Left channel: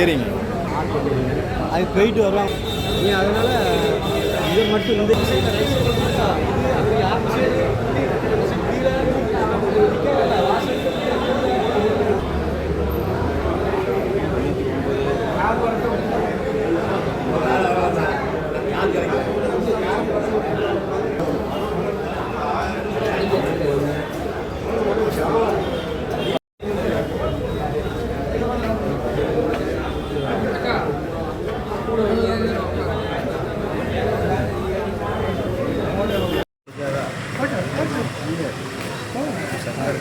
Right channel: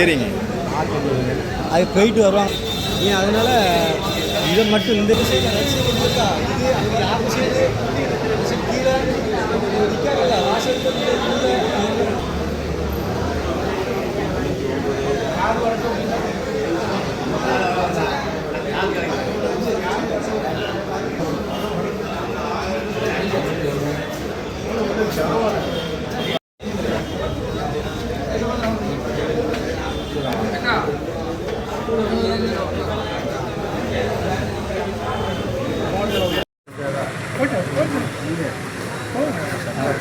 ஏறிங்க அது போயிட்டு வருவாங்க. அதனால இதை மட்டும் இந்த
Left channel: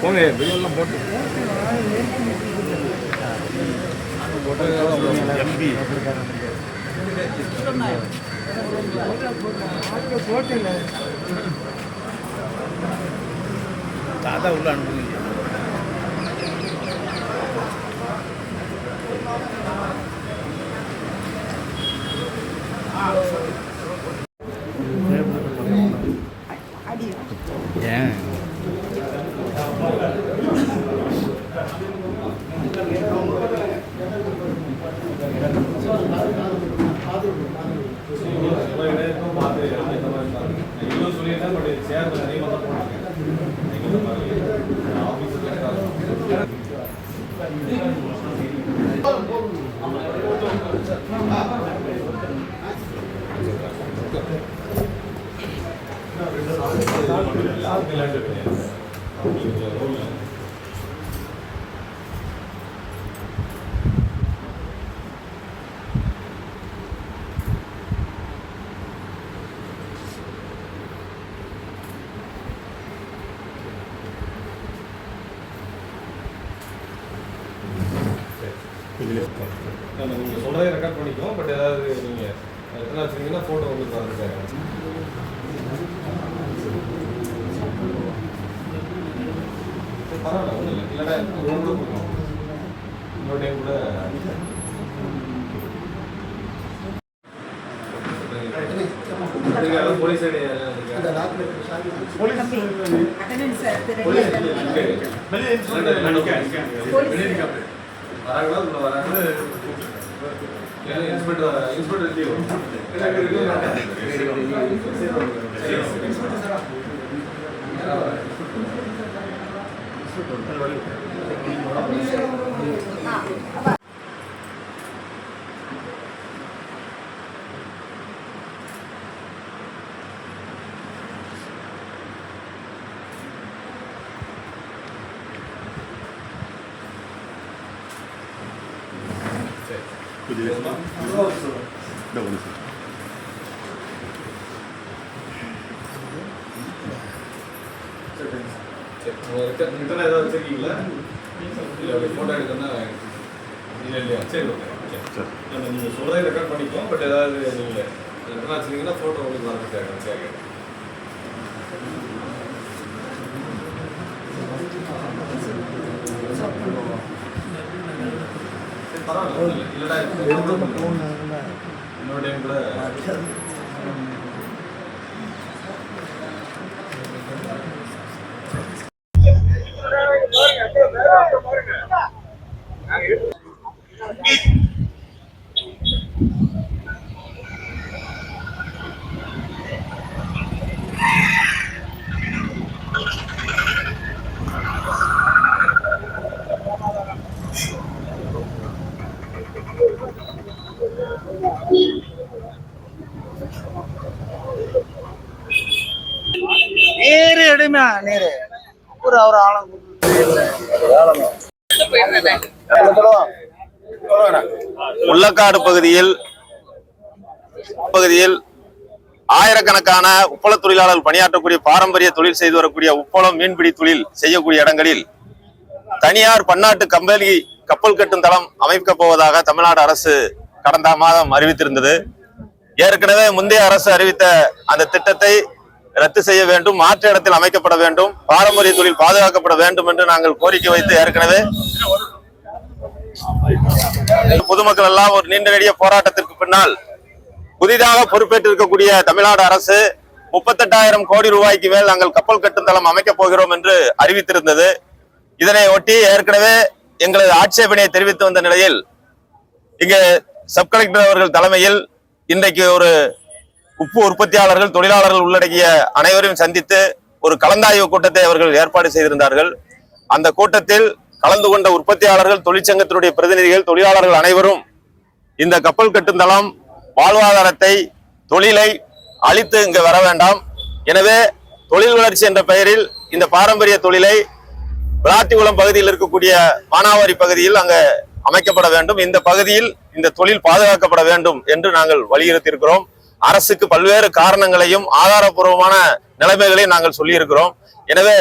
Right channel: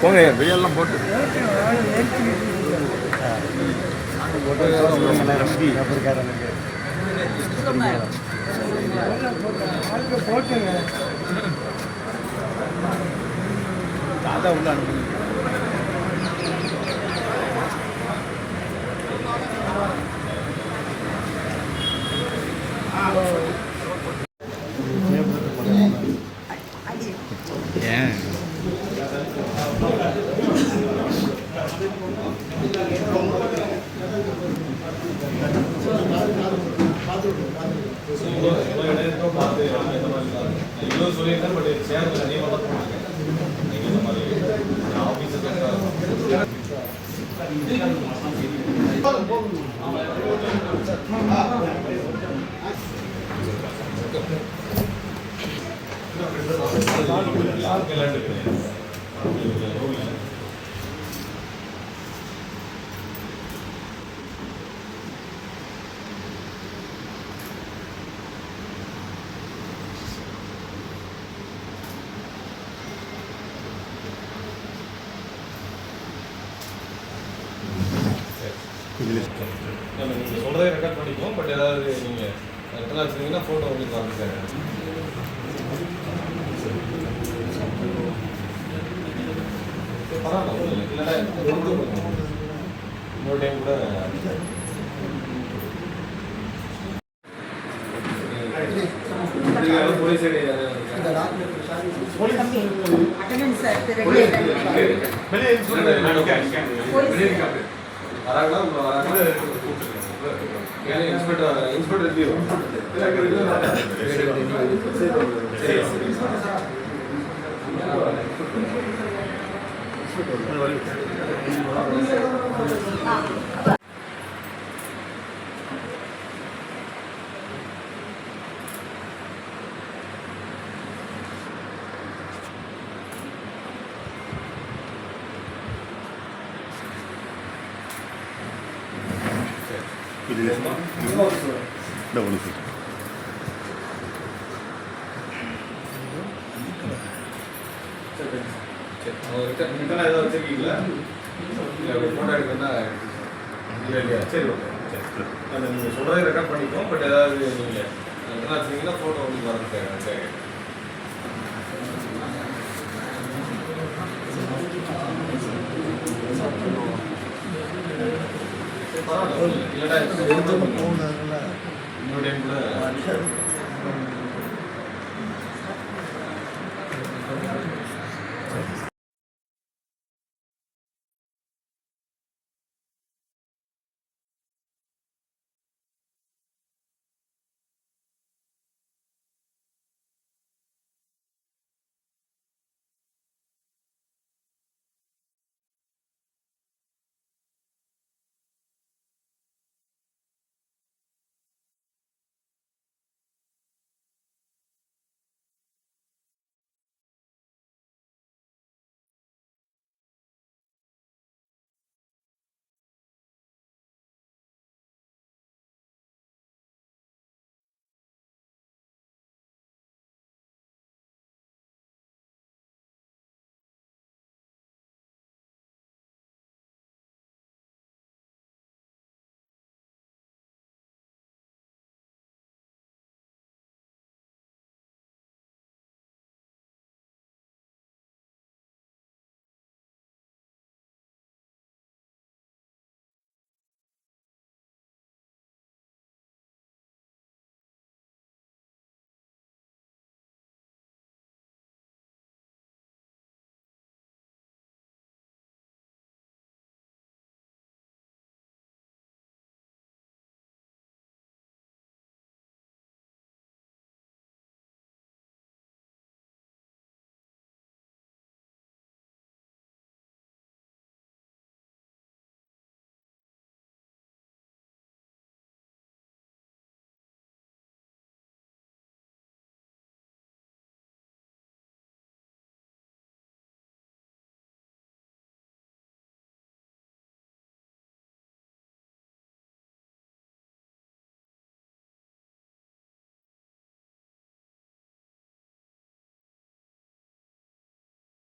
போங்க பிரியாணிலாம் போட்டு அதான் உள்ள அனுப்புங்க. ஏன் நீங்கள் சொல்கிறத ரெக்கார்ட் பண்ணிக்குவோம். பட் ஏதாவது நீங்கள் எத்தனை வச்சுருந்தீங்கன்னா ஃபோட்டோ உங்களுக்கு வரதுக்காக பரவாயில்ல ஒன்றும் இல்லை. இல்லைன்னா இன்னொரு டைம் கூட போலீஸ் வராங்களா உங்களை வராங்களா இன்ஸ்பெக்டர் இன்ஸ்பெக்டர் ரிட்டர்ன் ஏதாவது வச்சிருக்கீங்களா? இல்லை ஃபோட்டோ எடுக்கணும்னா இல்லை இல்லையா? சரி ஓகே சரி அந்த நீங்கள் சொல்கிறத ரெக்கார்ட் பண்ணிக்கோம். பட் ஏதாவது நீங்கள் ரிட்டர்ன் வச்சுருந்தீங்கன்னா ஃபோட்டோ உங்களுக்கு வரதுக்காக சரி பரவாயில்ல. இல்லைடா இன்னொரு டைம் கூட நேரு எடுமா நேரு ஒரு அவர் ஆழம் முள்ளக்காடு பகுதியில் ஆயிரக்கணக்கான உப்பள தொழிலாளர்கள் பணியாற்றக்கூடிய பாரம்பரிய தொழில் செய்து வரக்கூடிய உப்பளம் மீன்பிடி தொழில் செய்யக்கூடிய இடங்களில் தனியார் பன்னாட்டு கப்பல் கட்டும் தளம் அமைக்கப் போவதாக தமிழ்நாடு அரசு கடந்த மாதம் அறிவித்திருந்தது. ஏற்கனவே முந்தைய அரசு அறிவித்த அந்த திட்டத்தை ரத்து செய்ய வேண்டும், மாற்று இடத்தில் அமைக்கப்பட வேண்டும், பாரம்பரிய தொழில் பாதுகாக்கப்பட வேண்டும் என்று நாங்கள் கோரிக்கை வைத்து ஏற்கனவே பொதுமக்கள் எல்லாம் ஒரு நீண்ட நெடிய போராட்டத்திற்கு பின்னால் புதிதாக பொறுப்பேற்றிருக்கக்கூடிய தமிழ்நாடு அரசு 38,000 கோடி ரூபாய்க்கு மேல் நாங்கள் கப்பல் கட்டும் தளம் அமைக்கப் போகிறோம் என்று அறிவித்திருந்தது. இதனை ஒட்டி ஏற்கனவே எங்களது ஆட்சேபனையை தெரிவித்து வந்த நிலையில் இங்கே சப் கலெக்டர் அவர்கள் தலைமையில் இன்றைக்கு ஒரு உப்பு உற்பத்தியாளர்கள் தொழிலாளர்கள் உள்ளடக்கிய அனைவரையும் சந்தித்து ஒரு கலந்தாய்வு கூட்டத்தை அவர்கள் ஏற்பாடு செய்திருந்தார்கள். அந்த கூட்டத்தில் கலந்து கொண்ட உற்பத்தியாளர்கள், தொழிற்சங்கத்தினுடைய பிரதிநிதிகள், தொழிலாளர்கள் அனைவரும் இந்த கப்பல் கட்டும் தளம் வாழ்வாதாரத்தை, தொழிலை அழித்து இங்கு வர வேண்டாம். எனவே தொழில் வளர்ச்சி என்ற பெயரில் இந்த பாரம்பரிய தொழிலை விளாத்திகுளம் பகுதியில் இருக்கக்கூடிய மானாவாரி பகுதியில் அங்க அமைக்கப்பட வேண்டும். இந்த பகுதியில் இந்த தொழில் பாதுகாக்கப்பட வேண்டும் என்று நாங்கள் வலியுறுத்தி இருக்கிறோம். அரசுக்கு பல்வேறு காரணங்களையும் ஆதாரபூர்வமான நிலைமைகளையும் நாங்கள் சொல்லியிருக்கிறோம். எனவே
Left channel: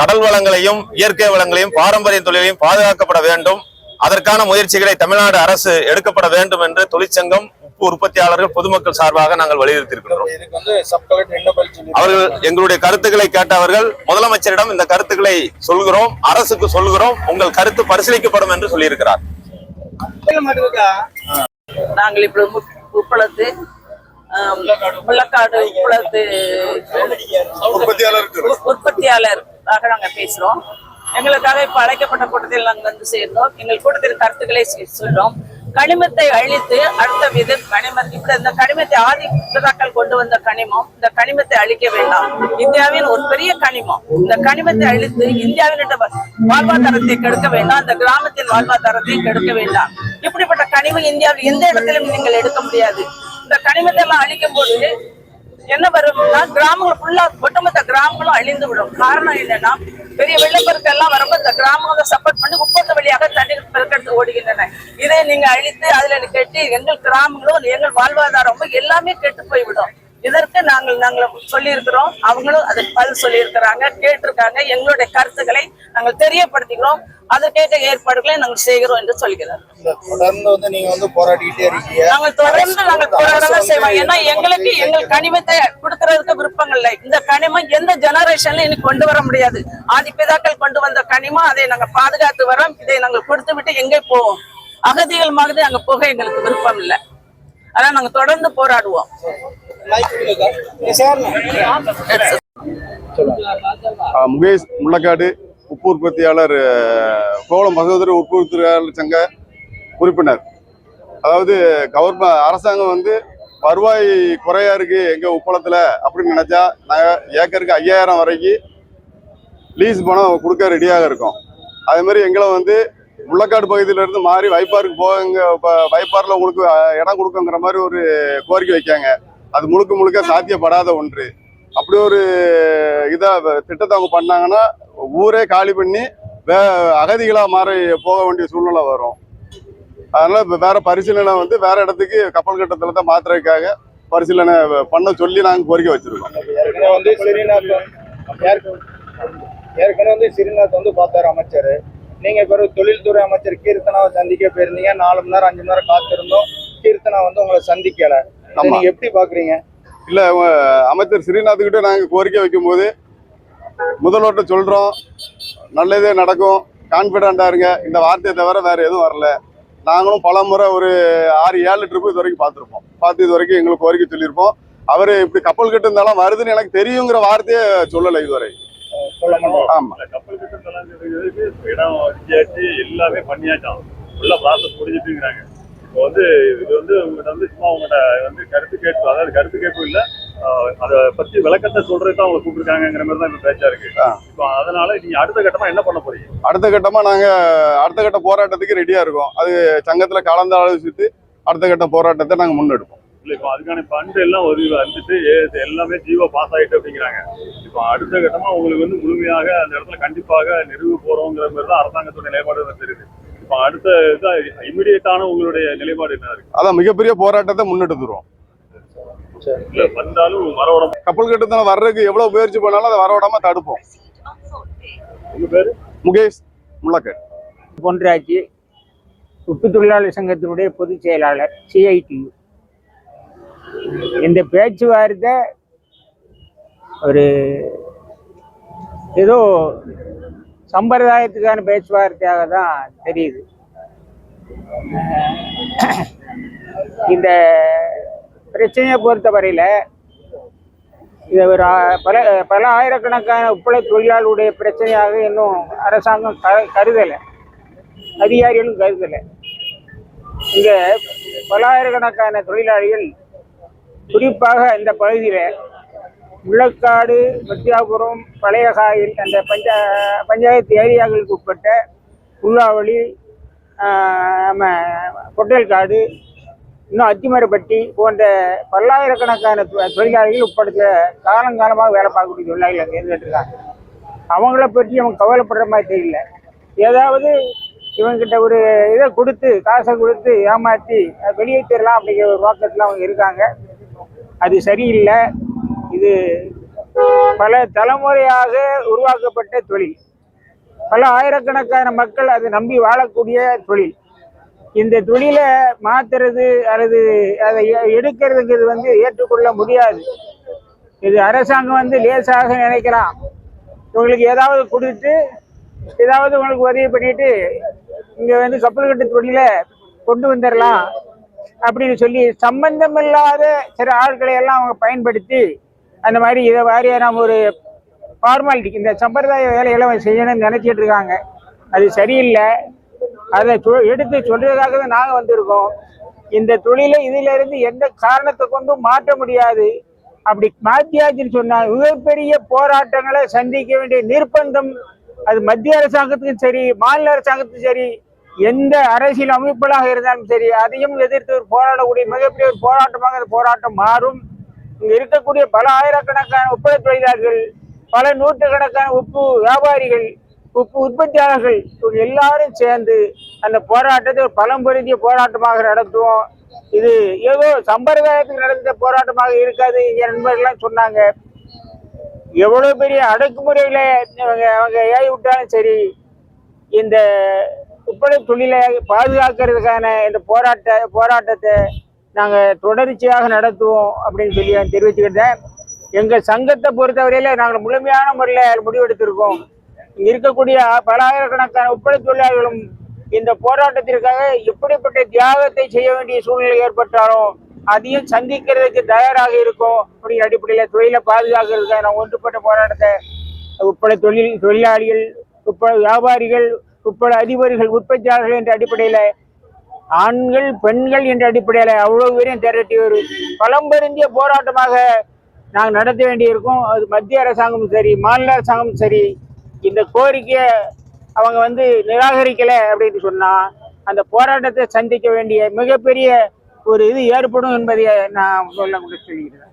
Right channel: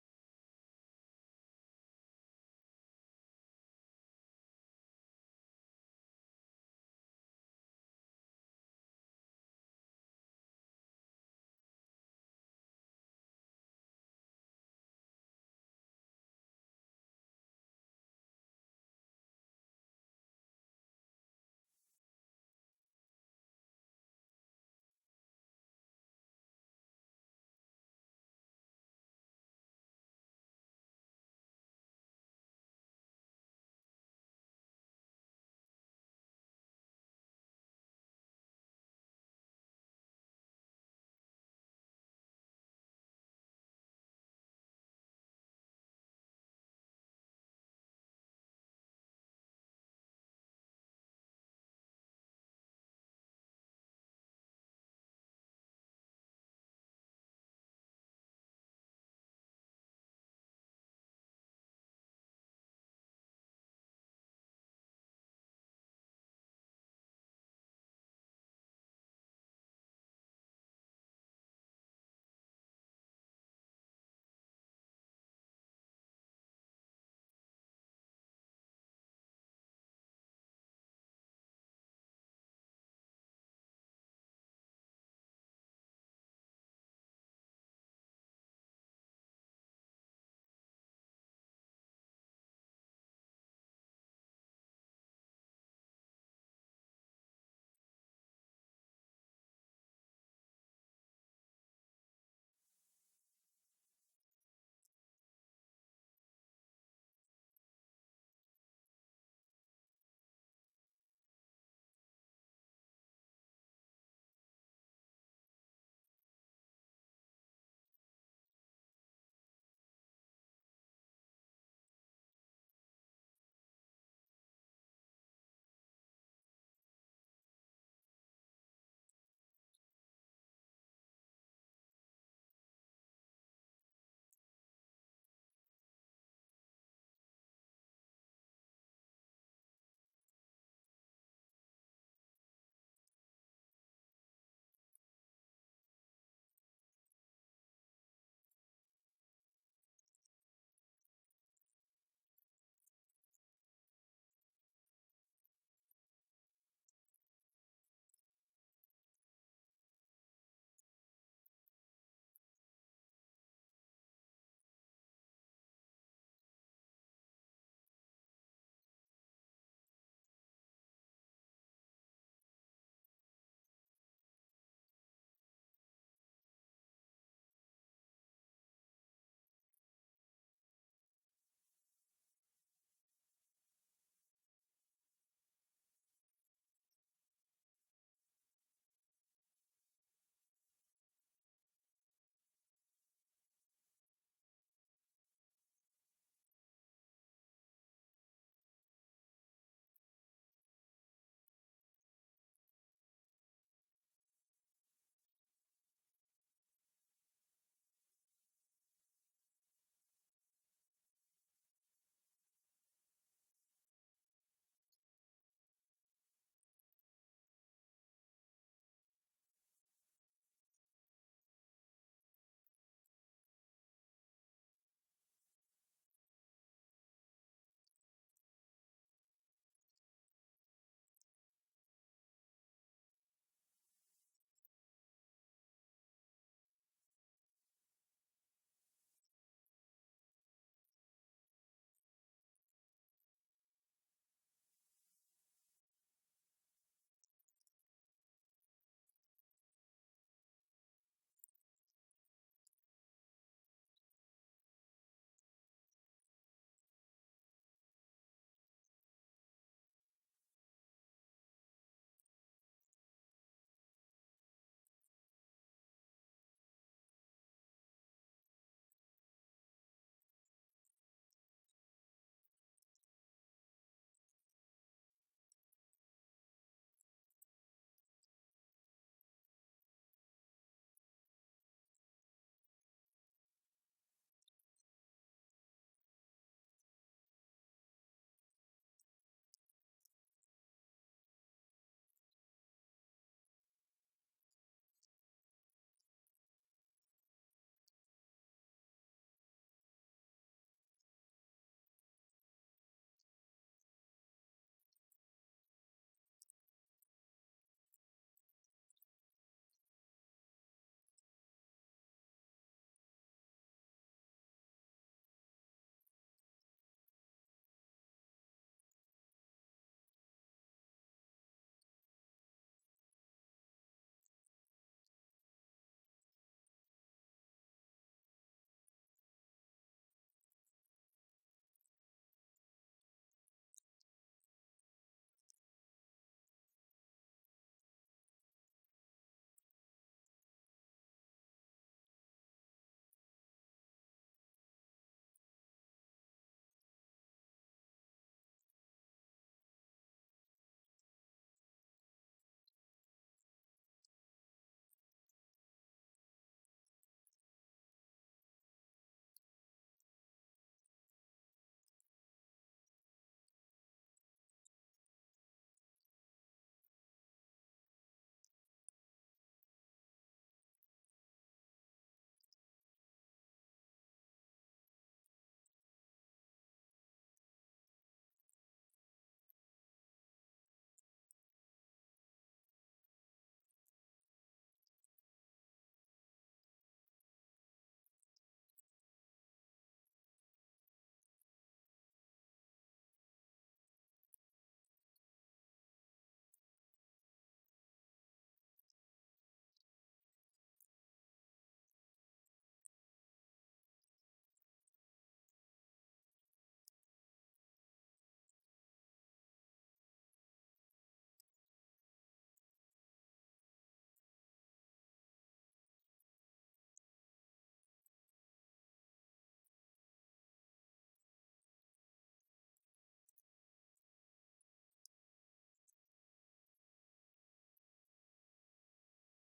கடல் வளங்களையும் இயற்கை வளங்களையும் பாரம்பரிய தொழிலையும் பாதுகாக்கப்பட வேண்டும். அதற்கான முயற்சிகளை தமிழ்நாடு அரசு எடுக்கப்பட வேண்டும் என்று தொழிற்சங்கம், உப்பு உற்பத்தியாளர்கள், பொதுமக்கள் சார்பாக நாங்கள் வலியுறுத்தி இருக்கிறோம். அவர்கள் எங்களுடைய கருத்துக்களை கேட்டவர்கள் முதலமைச்சரிடம் இந்த கருத்துக்களை சொல்கிறோம், அரசுக்கு சொல்கிறோம், உங்கள் கருத்து பரிசீலிக்கப்படும் என்று சொல்லியிருக்கிறார். நாங்கள் இப்படி உப்பளத்து முள்ளக்காடு உப்பளத்து உற்பத்தியாளராக நாங்க பேசுறோம். எங்களுக்காக இப்ப அழைக்கப்பட்ட கூட்டத்தில் நாங்கள் வந்து சேர்ந்தோம். எங்கள் கூட்டத்தின் கருத்துக்களை சொல்றோம். கனிமத்தை அழித்து அடுத்த வித இப்ப இந்த கனிமத்தை ஆதிக்கத்தாக்கள் கொண்டு வந்த கனிமம், இந்த கனிமத்தை அழிக்க வேண்டாம். இந்தியாவின் ஒரு பெரிய கனிமம். இந்த கனிமத்தை அழித்து இந்தியாவின் வாழ்வாதாரத்தை கெடுக்க வேண்டாம், இந்த கிராமத்தின் வாழ்வாதாரத்தை கெடுக்க வேண்டாம். இப்படிப்பட்ட கனிமம் இந்தியாவில் எந்த இடத்திலும் நீங்கள் எடுக்க முடியாது. இந்த கனிமத்தை எல்லாம் அழிக்கும் போது என்ன வரும்னா கிராமங்கள் ஃபுல்லா ஒட்டுமொத்த கிராமங்களும் அழிந்து விடும். காரணம் என்னன்னா பெரிய வெள்ளப்பெருக்கு எல்லாம் வரும்போது இந்த கிராமங்களை சப்போர்ட் பண்ணி உப்பத்து வழியாக தண்ணீர் பெருக்கெடுத்து ஓடுகின்றன. இதை நீங்க அழித்து அதுல கெட்டி எங்கள் கிராமங்களும் எங்கள் வாழ்வாதாரமும் எல்லாமே கெட்டு போய்விடும். இதற்கு நாங்கள் சொல்லி இருக்கிறோம். அவங்களும் அதுக்கு பதில் சொல்லி இருக்கிறாங்க, கேட்டிருக்காங்க. எங்களுடைய கருத்துக்களை நாங்கள் தெரியப்படுத்திக்கிறோம். அதற்கேற்ற ஏற்பாடுகளை நாங்கள் செய்கிறோம் என்று சொல்கிறார். தொடர்ந்து நீங்க போராடிட்டே இருக்கீங்க. நாங்கள் தொடர்ந்து போராடதான் செய்வோம். ஏன்னா எங்களுக்கு எங்கள் கனிமத்தை கொடுக்கறதுக்கு விருப்பங்கள் இல்லை. இந்த கனிமம் எந்த ஜெனரேஷன்ல இன்னைக்கு கொண்டு வர முடியாது. ஆதிபிதாக்கள் கொண்டு வந்த கனிமம், அதை நாங்க பாதுகாத்து வரோம். இதை நாங்கள் கொடுத்து விட்டு எங்கே போவோம்? அகதிகள் மாதிரி அங்க போக எங்களுக்கு விருப்பம் இல்லை. அதான் நாங்க தொடர்ந்து போராடுவோம். முகேஷ், முள்ளக்காடு உப்பு உற்பத்தியாளர், கோவளம் சகோதர உப்பு உற்பத்தியாளர் சங்க உறுப்பினர். அதாவது அரசாங்கம் வருவாய் குறையா இருக்கு எங்க உப்பளத்துல அப்படின்னு நினைச்சா நாங்கள் ஏக்கருக்கு 5000 வரைக்கும் லீஸ் பணம் கொடுக்க ரெடியாக இருக்கோம். அதே மாதிரி எங்களை முள்ளக்காடு பகுதியில இருந்து மாறி வைப்பாருக்கு போங்க, வைப்பாரில் உங்களுக்கு இடம் கொடுக்குங்கிற மாதிரி ஒரு கோரிக்கை வைக்காங்க. அது முழுக்க முழுக்க சாத்தியப்படாத ஒன்று. அப்படி ஒரு திட்டத்தை அவங்க பண்ணாங்கன்னா ஊரே காலி பண்ணி அகதிகளா மாறி போக வேண்டிய சூழ்நிலை வரும். அதனால வேற பரிசீலனை வேற இடத்துக்கு கப்பல் கட்டத்துல தான் மாத்துறதுக்காக பரிசீலனை பண்ண சொல்லி நாங்கள் கோரிக்கை வச்சிருக்கோம். ஏற்கனவே ஸ்ரீநாத் பார்த்தாரு அமைச்சர். நீங்க பிறகு தொழில்துறை அமைச்சர் கீர்த்தனாவை சந்திக்க போயிருந்தீங்க. 4 மணி நேரம் 5 மணி நேரம் காத்திருந்தோம். கீர்த்தனா உங்களை சந்திக்கல. நீங்க எப்படி பாக்குறீங்க? இல்ல, அமைச்சர் ஸ்ரீநாத் கிட்ட நாங்க கோரிக்கை வைக்கும் போது முதல்வர்கிட்ட சொல்றோம், நல்லதே நடக்கும், கான்பிடண்டா இருங்க, இந்த வார்த்தையை தவிர வேற எதுவும் வரல. நாங்களும் பல முறை ஒரு 6-7 ட்ரிப்பு இது வரைக்கும் பார்த்து இது வரைக்கும் எங்களுக்கு கோரிக்கை சொல்லியிருப்போம். அவரு இப்படி கப்பல் கட்டு இருந்தாலும் வருதுன்னு எனக்கு தெரியுங்கிற வார்த்தையே சொல்லலை இதுவரை. ஆமா, கப்பல் கட்டு இடம் எல்லாமே பண்ணியாச்சான், ஃபுல்லா ப்ராசஸ் முடிஞ்சிட்டுங்கிறாங்க. இப்போ இது உங்கள்கிட்ட சும்மா உங்கள்கிட்ட கருத்து கேட்பு, அதாவது கருத்து கேட்பு இல்லை, அதை பத்தி விளக்கத்தை சொல்றது தான் அவங்க கூப்பிட்டுருக்காங்கிற மாதிரி தான் இப்போ பேச்சா இருக்கு. இப்போ அதனால நீங்க அடுத்த கட்டமா என்ன பண்ண போறீங்க? அடுத்த கட்டமா நாங்க அடுத்த கட்ட போராட்டத்துக்கு ரெடியா இருக்கோம். அது சங்கத்துல கலந்து ஆலோசித்து அடுத்த கட்ட போராட்டத்தை நாங்க முன்னெடுப்போம். இல்லை, இப்போ அதுக்கான ஃபண்டு எல்லாம் வந்துட்டு எல்லாமே ஜீவோ பாஸ் ஆகிட்டு அப்படிங்கிறாங்க. இப்போ அடுத்த கட்டமா உங்களுக்கு முழுமையாக அந்த இடத்துல கண்டிப்பாக நிறுவ போறோங்கிற மாதிரி தான் அரசாங்கத்தோட நிலைப்பாடு தெரியுது. இப்போ அடுத்த இமிடியேட்டான உங்களுடைய நிலைப்பாடு என்ன இருக்கு? அதான் மிகப்பெரிய போராட்டத்தை முன்னெடுத்துருவோம். வந்தாலும் வரவிடாம கப்பல் கட்டத்தில் வர்றதுக்கு எவ்வளவு முயற்சி பண்ணாலும் அதை வரவிடாம தடுப்போம். உங்க பேரு? முகேஷ், முள்ளக்காடு. பொன்ராஜ், உப்பு தொழிலாளர் சங்கத்தினுடைய பொதுச் செயலாளர், CITU. இந்த பேச்சுவார்த்தை ஒரு ஏதோ சம்பிரதாயத்துக்கான பேச்சுவார்த்தையாக தான் தெரியுது. இந்த பிரச்சனையை பொறுத்தவரையில் இதை ஒரு பல ஆயிரக்கணக்கான உப்பள தொழிலாளருடைய பிரச்சனையாக இன்னும் அரசாங்கம் கருதலை, அதிகாரிகளும் கருதலை. இங்கே பல்லாயிரக்கணக்கான தொழிலாளிகள் குறிப்பாக இந்த பகுதியில் முள்ளக்காடு, மத்தியாபுரம், பழைய காயில் அந்த பஞ்சாயத்து ஏரியாக்களுக்கு உட்பட்ட புல்லாவளி, நம்ம பொட்டல்காடு, இன்னும் அத்திமரப்பட்டி போன்ற பல்லாயிரக்கணக்கான தொழிலாளிகள் உட்படுத்த காலங்காலமாக வேலை பார்க்கக்கூடிய தொழிலாளிகள் அங்கே இருந்துட்டுருக்காங்க. அவங்கள பற்றி அவங்க கவலைப்படுற மாதிரி தெரியல. ஏதாவது இவங்ககிட்ட ஒரு இதை கொடுத்து, காசை கொடுத்து ஏமாற்றி வெளியேற்றிடலாம் அப்படிங்கிற ஒரு நோக்கத்தில் அவங்க இருக்காங்க. அது சரியில்லை. இது பல தலைமுறையாக உருவாக்கப்பட்ட தொழில். பல ஆயிரக்கணக்கான மக்கள் அதை நம்பி வாழக்கூடிய தொழில். இந்த தொழிலை மாத்துறது அல்லது அதை எடுக்கிறதுங்கிறது ஏற்றுக்கொள்ள முடியாது. இது அரசாங்கம் லேசாக நினைக்கலாம். உங்களுக்கு ஏதாவது கொடுத்து ஏதாவது உங்களுக்கு உதவி பண்ணிட்டு இங்கே கப்பல் கட்டு தொழிலை கொண்டு வந்துடலாம் அப்படின்னு சொல்லி சம்பந்தமில்லாத சில ஆட்களை எல்லாம் அவங்க பயன்படுத்தி அந்த மாதிரி இதை வாரியான ஒரு ஃபார்மாலிட்டி, இந்த சம்பிரதாய வேலைகளை செய்யணும்னு நினைச்சிட்டு இருக்காங்க. அது சரியில்லை. அதை எடுத்து சொல்றதுக்காக தான் நாங்கள் வந்திருக்கோம். இந்த தொழிலை இதிலிருந்து எந்த காரணத்தை கொண்டும் மாற்ற முடியாது. அப்படி மாற்றியாச்சுன்னு சொன்னால் மிகப்பெரிய போராட்டங்களை சந்திக்க வேண்டிய நிர்பந்தம் அது மத்திய அரசாங்கத்துக்கும் சரி, மாநில அரசாங்கத்துக்கும் சரி, எந்த அரசியல் அமைப்புகளாக இருந்தாலும் சரி, அதையும் எதிர்த்து போராடக்கூடிய மிகப்பெரிய ஒரு போராட்டமாக அந்த போராட்டம் மாறும். இங்கே இருக்கக்கூடிய பல ஆயிரக்கணக்கான உப்பள தொழிலாளர்கள், பல நூற்றுக்கணக்கான உப்பு வியாபாரிகள், உப்பு உற்பத்தியாளர்கள் எல்லாரும் சேர்ந்து அந்த போராட்டத்தை ஒரு பலம் பொருந்திய போராட்டமாக நடத்துவோம். இது ஏதோ சம்பிரதாயத்துக்கு நடந்த போராட்டமாக இருக்காது. எங்க நண்பர்கள்லாம் சொன்னாங்க, எவ்வளவு பெரிய அடக்குமுறையில அவங்க ஏறி விட்டாலும் சரி, இந்த உப்பள தொழிலை பாதுகாக்கிறதுக்கான இந்த போராட்டத்தை நாங்கள் தொடர்ச்சியாக நடத்துவோம் அப்படின்னு சொல்லி நான் தெரிவிச்சுக்கிட்டேன். எங்கள் சங்கத்தை பொறுத்தவரையில நாங்கள் முழுமையான முறையில் முடிவெடுத்திருக்கோம். இங்க இருக்கக்கூடிய பல ஆயிரக்கணக்கான உப்பள தொழிலாளர்களும் இந்த போராட்டத்திற்காக எப்படிப்பட்ட தியாகத்தை செய்ய வேண்டிய சூழ்நிலை ஏற்பட்டாலும் அதையும் சந்திக்கிறதுக்கு தயாராக இருக்கும். அப்படிங்கிற அடிப்படையில் தொழிலை பாதுகாக்கிறதுக்காக நான் ஒன்றுபட்ட போராட்டத்தை உப்பள தொழிலாளிகள், உப்பள வியாபாரிகள், உப்பள அதிபர்கள், உற்பத்தியாளர்கள் என்ற அடிப்படையில், ஆண்கள் பெண்கள் என்ற அடிப்படையில் அவ்வளவு பேரையும் திரட்டி ஒரு பலம்பெருந்திய போராட்டமாக நாங்கள் நடத்த வேண்டியிருக்கோம். அது மத்திய அரசாங்கமும் சரி, மாநில அரசாங்கமும் சரி, இந்த கோரிக்கையை அவங்க நிராகரிக்கலை அப்படின்னு சொன்னா அந்த போராட்டத்தை சந்திக்க வேண்டிய மிகப்பெரிய ஒரு இது ஏற்படும் என்பதை நான் சொல்ல சொல்லிக்கிறேன்.